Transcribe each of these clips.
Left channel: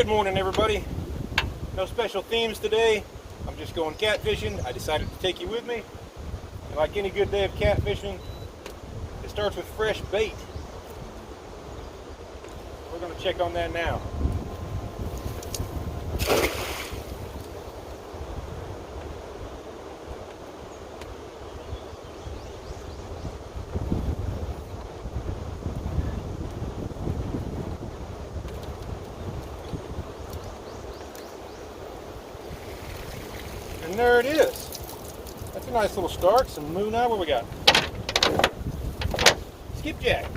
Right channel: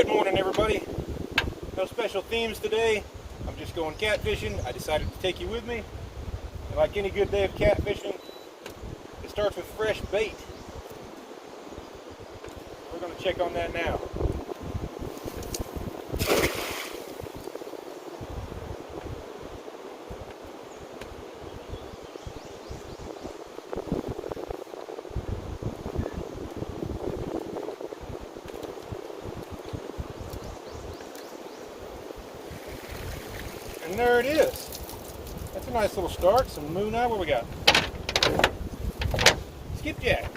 Good morning, everybody. No special themes today. I'm just going catfishing. I decided to take you with me. And like any good day of catfishing, it starts with fresh bait. We're going to check on that now. And there it is. That's a nice little start. Some moon eye. What we got? Skipjack.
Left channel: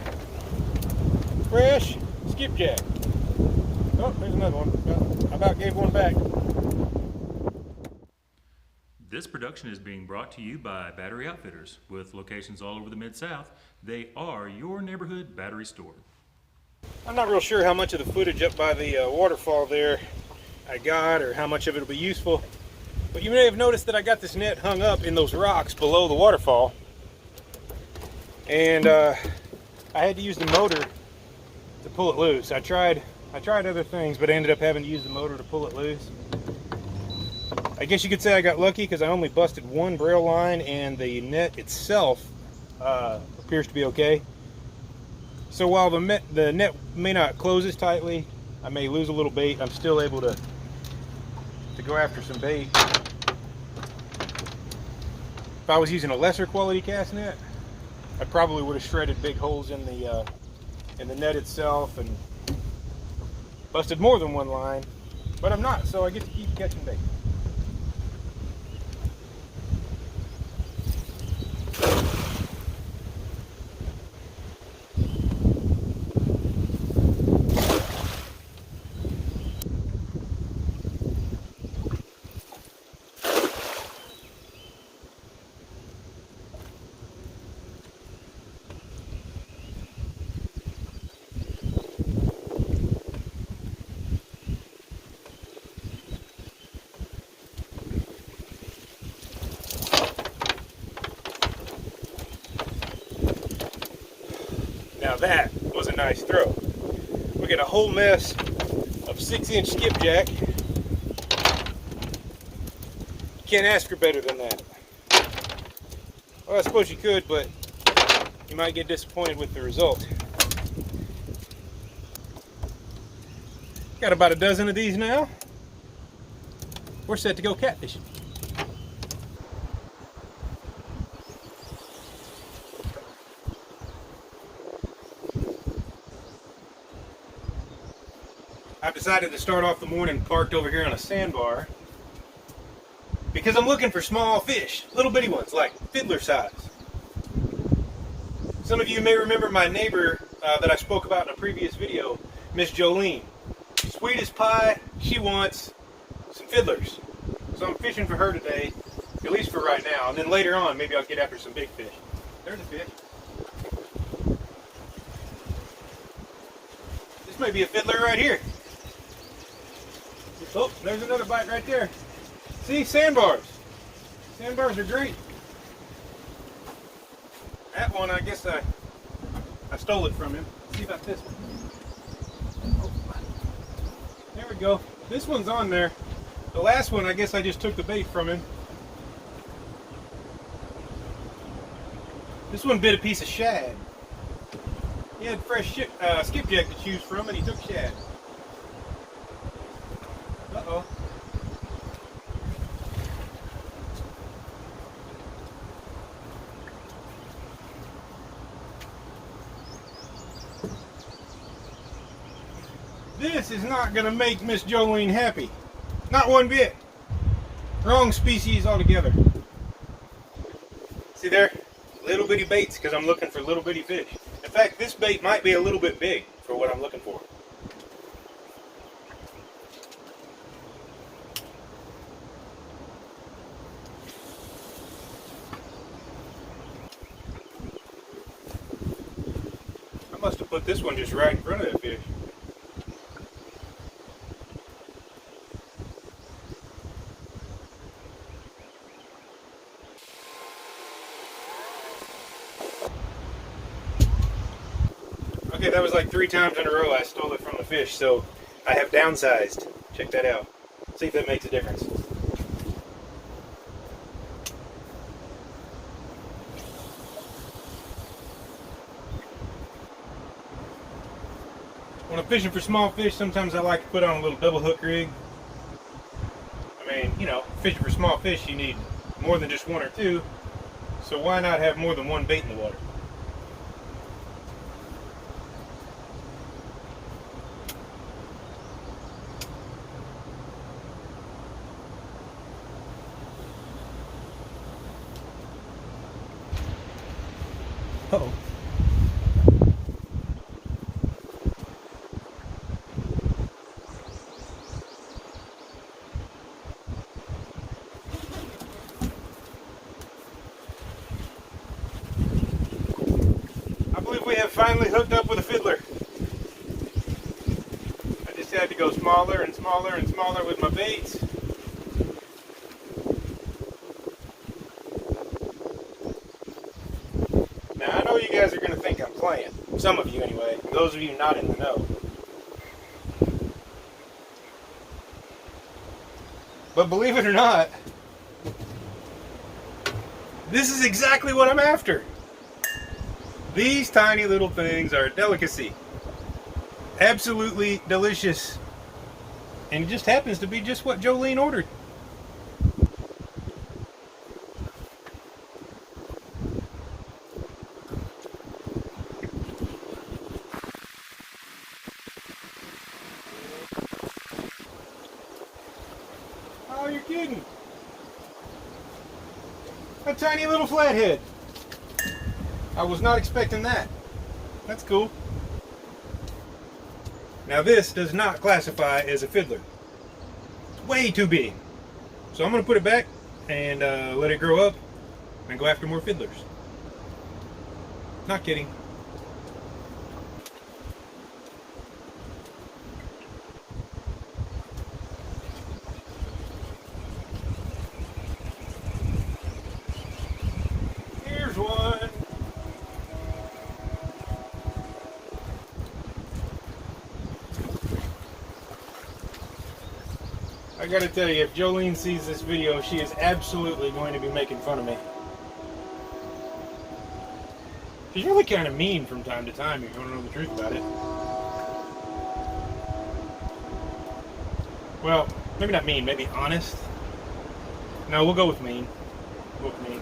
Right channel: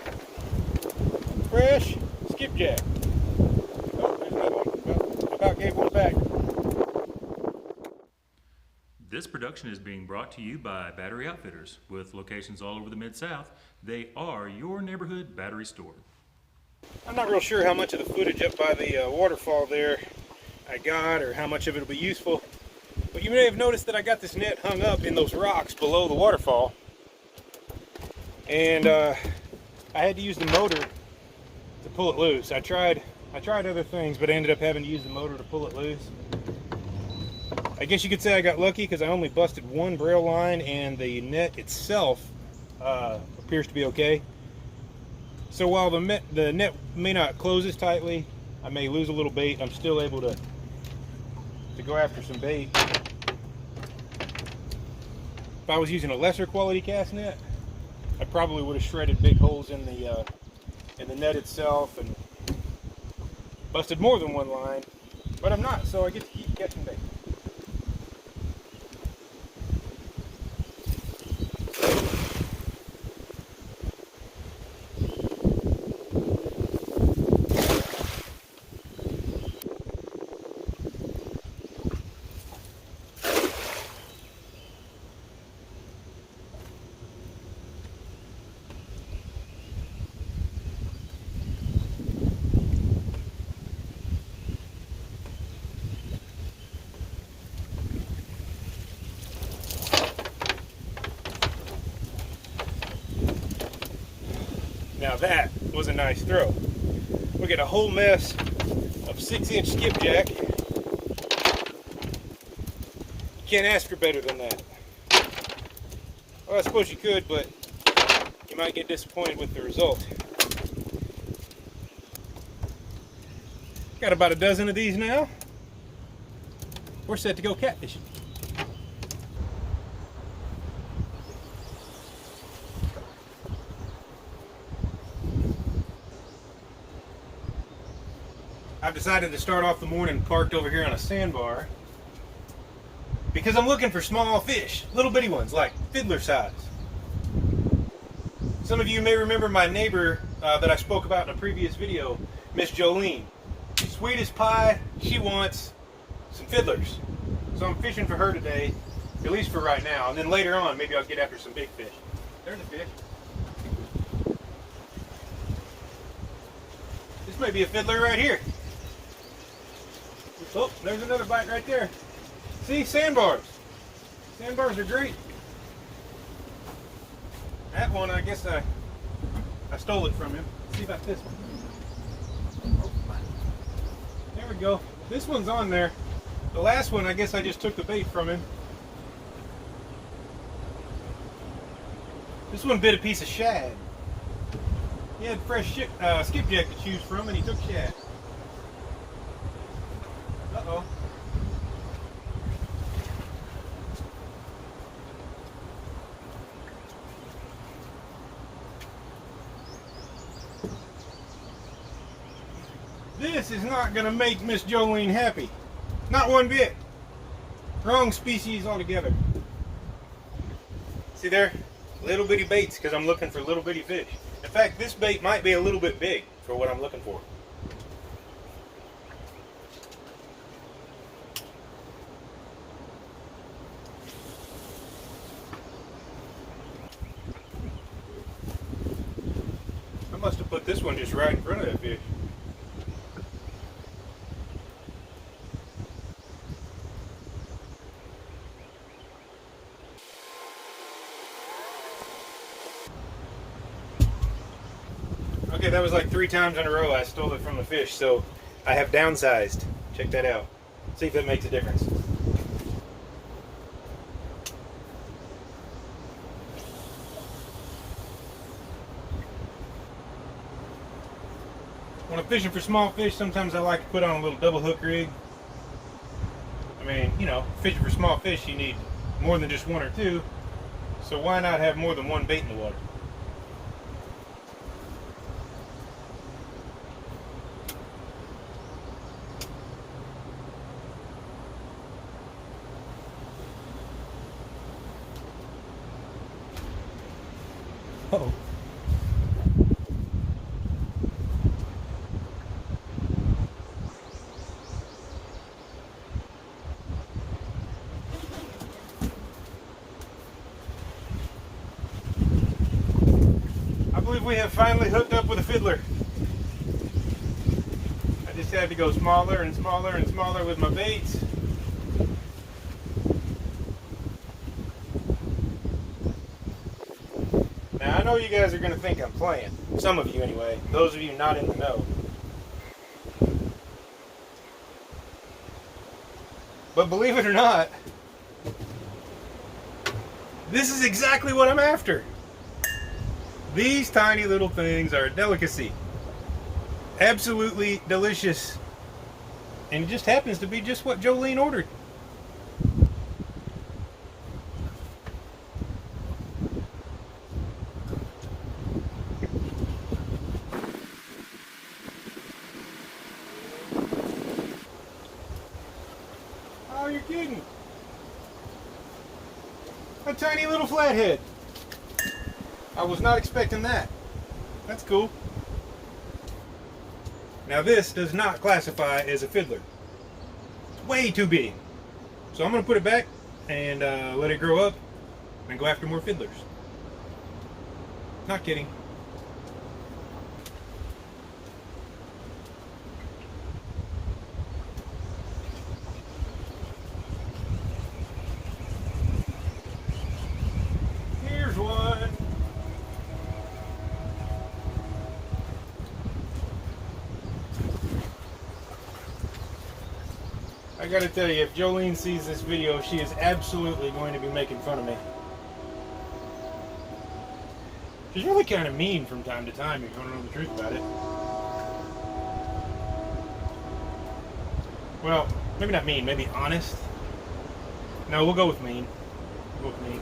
Fresh skipjack. Oh, there's another one. Well, I about gave one back. This production is being brought to you by Battery Outfitters. With locations all over the Mid-South, they are your neighborhood battery store. I'm not real sure how much of the footage up by the waterfall there I got, or how much of it will be useful. But you may have noticed that I got this net hung up in those rocks below the waterfall. And I had to use the motor to pull it loose. I tried other things, but I ended up having to use the motor to pull it loose. I guess you could say I got lucky because I only busted one braille line and the net itself appears to be okay. So while the net may not close as tightly, I may lose a little bait, I'm still able to go after some bait. If I was using a lesser quality cast net, I probably would have shredded big holes in the net itself and busted more than one line, but I'm not, so I get to keep catching bait. Now that was a nice throw. Look at a whole mess of 6-inch skipjack. Can't ask for better than that. Well, I suppose you could, but you might get disappointed with the result. Got about a dozen of these now. We're set to go catfishing. I've decided to start off the morning parked over here on a sandbar because I'm looking for small fish, little bitty ones like fiddler size. Some of you may remember my neighbor that I spoke about in a previous video, Miss Jolene. Sweet as pie, she wants some fiddlers. So I'm fishing for her today, at least for right now, and then later on maybe I'll get after some big fish. There's a fish. This may be a fiddler right here. Oh, there's another bite right there. See, sandbars. Sandbars are great. That one, I guess I stole it from him. Let's see about this one. Oh, there we go. This one's on there. The last one, I guess I just took the bait from him. This one bit a piece of shad. He had fresh skipjack to choose from, and he took shad. Uh-oh. This is not going to make Miss Jolene happy. Not one bit. Wrong species altogether. See there? Little bitty baits because I'm looking for little bitty fish. In fact, this bait might be a little bit big for what I'm looking for. I must have put this one just right in front of that fish. Okay, that was like 3 times in a row I stole it from the fish, so I have downsized. Check that out. See if that makes a difference. When I'm fishing for small fish, sometimes I like to put on a little double hook rig. I mean, you know, fishing for small fish, you need more than just one or two. So why not have more than one bait in the water? Uh-oh. I believe we have finally hooked up with a fiddler. I just had to go smaller and smaller and smaller with my baits. Now I know you guys are going to think I'm playing. Some of you anyway. Those of you not in the know. But believe it or not, this is exactly what I'm after. These tiny little things are a delicacy. Absolutely delicious. And it just happens to be just what Jolene ordered. Oh, you're kidding. A tiny little flathead. I was not expecting that. That's cool. Now this does not classify as a fiddler. It's way too big. So I'm going to put it back and let it grow up and go after more fiddlers. Not kidding. Here's one. I gotta tell you, if Jolene sees this video, she is absolutely going to be making fun of me. She's really kind of mean from time to time, if you want to know the truth about it. Well, maybe not mean, maybe honest. No, we'll go with mean. We'll go with mean.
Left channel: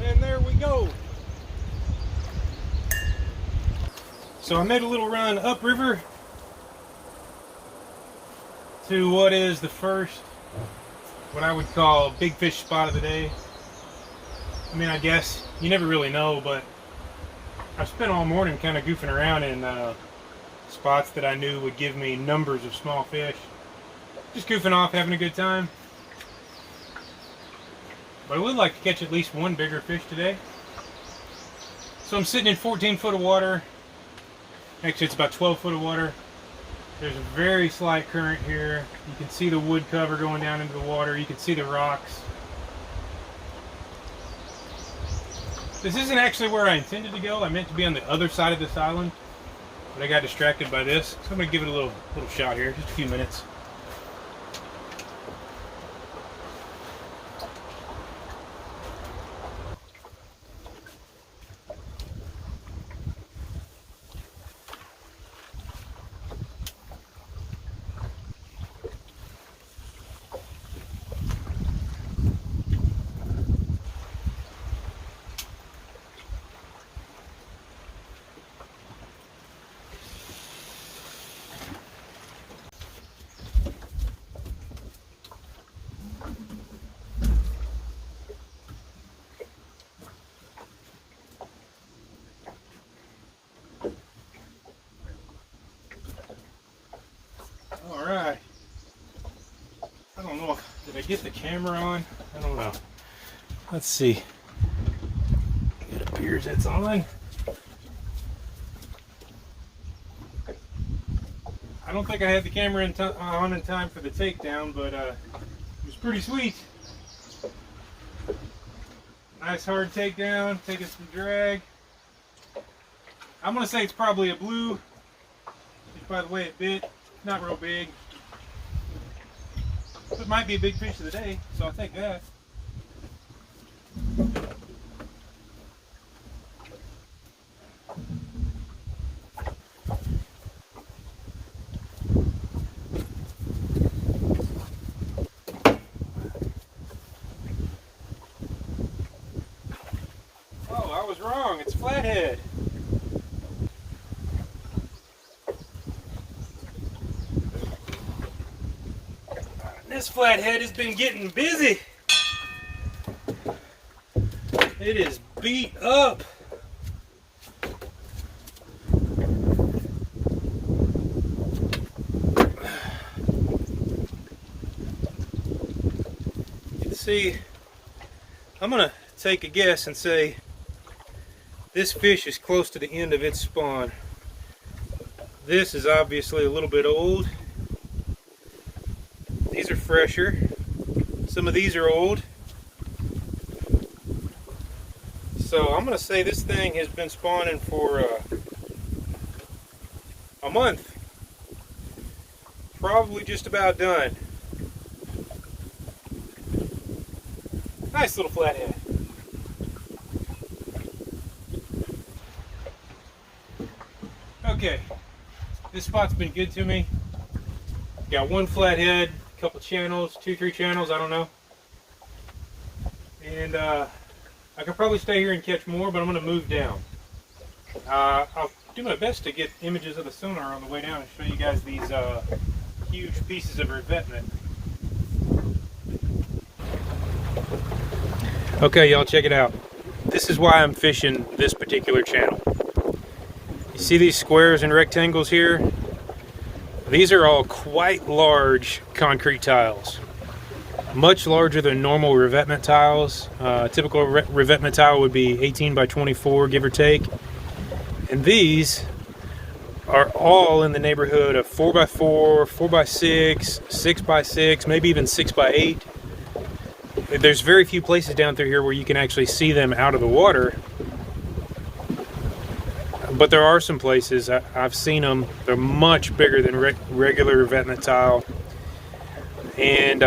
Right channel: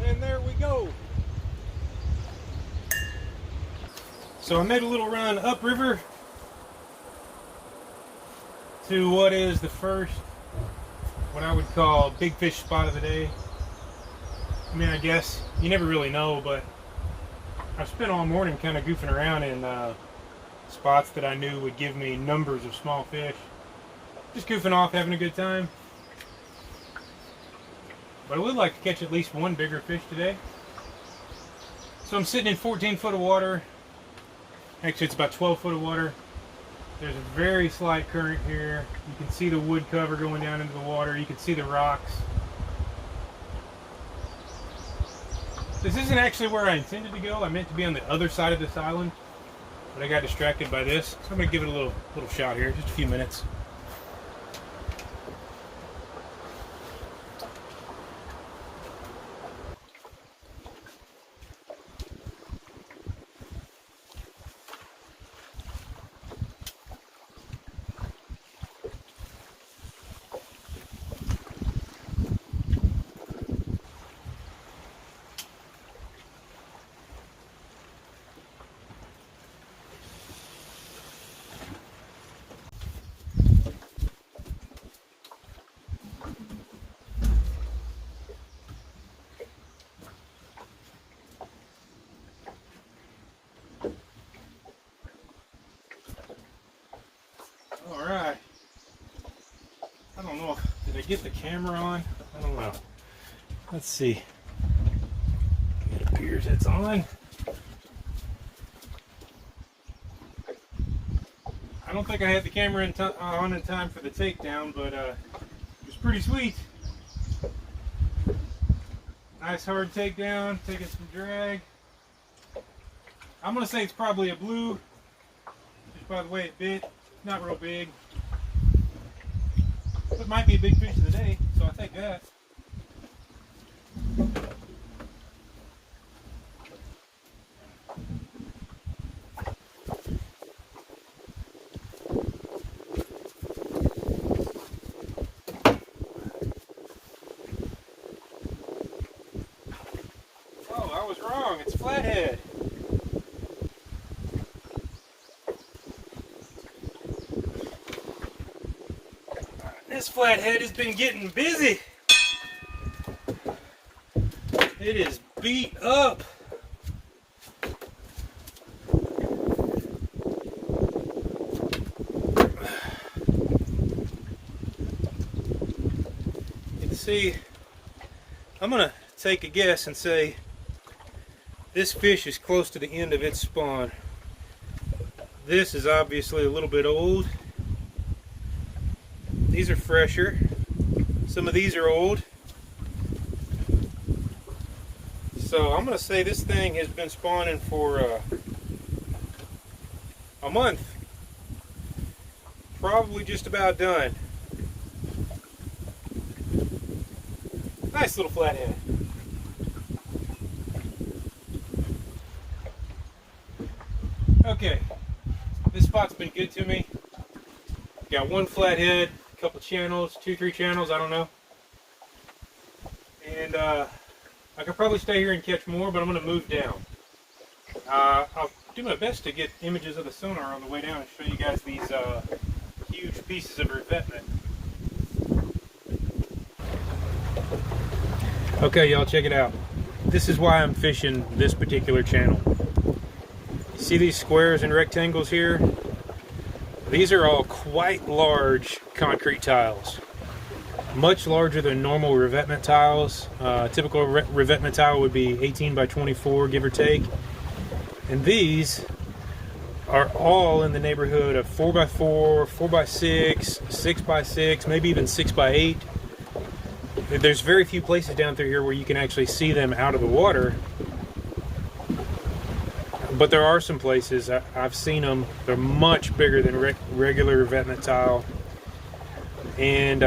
And there we go. So I made a little run upriver to what is the first, what I would call big fish spot of the day. I mean, I guess you never really know, but I've spent all morning kind of goofing around in spots that I knew would give me numbers of small fish. Just goofing off, having a good time. But I would like to catch at least one bigger fish today. So I'm sitting in 14 foot of water. Actually, it's about 12 foot of water. There's a very slight current here. You can see the wood cover going down into the water. You can see the rocks. This isn't actually where I intended to go. I meant to be on the other side of this island, but I got distracted by this. So I'm going to give it a little shot here, just a few minutes. Alright. I don't know. Did I get the camera on? I don't know. Let's see. It appears it's on. I don't think I had the camera on in time for the takedown, but it was pretty sweet. Nice hard takedown, taking some drag. I'm gonna say it's probably a blue, just by the way it bit. Not real big. But it might be a big fish of the day, so I'll take that. Oh, I was wrong. It's flathead. This flathead has been getting busy. It is beat up. You can see, I'm gonna take a guess and say this fish is close to the end of its spawn. This is obviously a little bit old. These are fresher. Some of these are old. So I'm gonna say this thing has been spawning for a month. Probably just about done. Nice little flathead. Okay, this spot's been good to me. Got one flathead, a couple channels, 2-3 channels, I don't know. And I could probably stay here and catch more, but I'm going to move down. I'll do my best to get images of the sonar on the way down and show you guys these huge pieces of revetment. Okay, y'all, check it out. This is why I'm fishing this particular channel. You see these squares and rectangles here? These are all quite large concrete tiles. Much larger than normal revetment tiles. Typical revetment tile would be 18 by 24, give or take. And these are all in the neighborhood of 4x4, 4x6, 6x6, maybe even 6x8. There's very few places down through here where you can actually see them out of the water. But there are some places, I've seen them, they're much bigger than regular revetment tile. And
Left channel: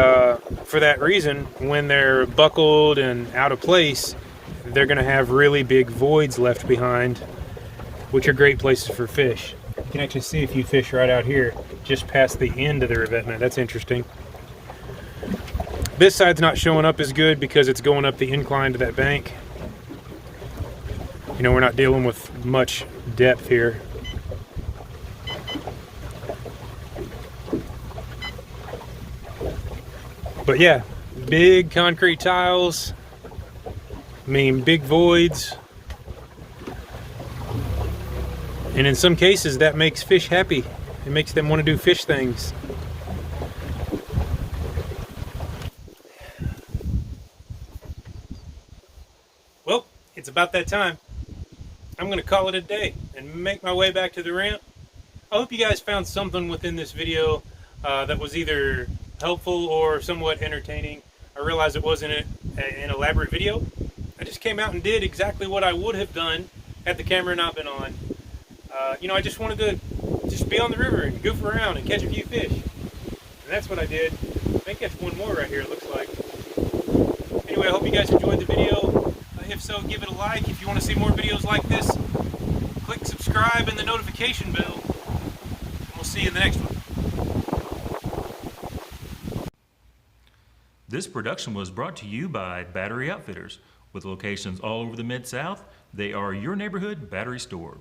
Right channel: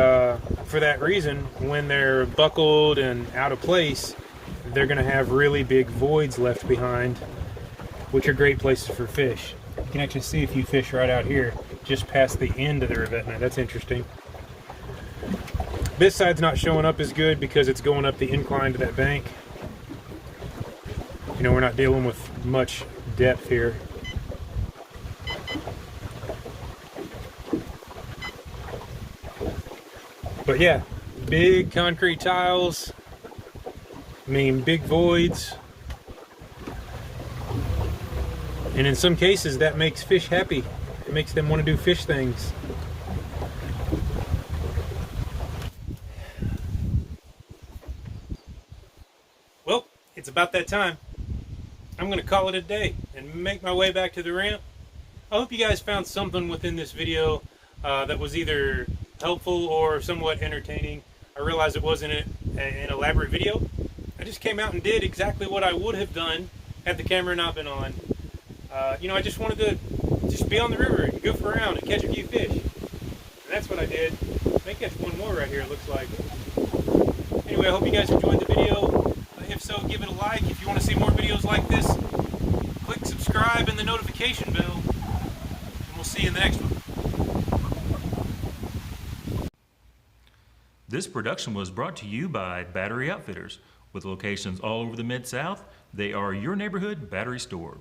for that reason, when they're buckled and out of place, they're going to have really big voids left behind, which are great places for fish. You can actually see a few fish right out here, just past the end of the revetment. That's interesting. This side's not showing up as good because it's going up the incline to that bank. You know, we're not dealing with much depth here. But yeah, big concrete tiles, I mean big voids. And in some cases that makes fish happy. It makes them want to do fish things. Well, it's about that time. I'm going to call it a day and make my way back to the ramp. I hope you guys found something within this video that was either helpful or somewhat entertaining. I realize it wasn't an elaborate video. I just came out and did exactly what I would have done had the camera not been on. You know, I just wanted to just be on the river and goof around and catch a few fish. And that's what I did. I may catch one more right here, it looks like. Anyway, I hope you guys enjoyed the video. If so, give it a like. If you want to see more videos like this, click subscribe and the notification bell. And we'll see you in the next one. This production was brought to you by Battery Outfitters. With locations all over the Mid-South, they are your neighborhood battery store.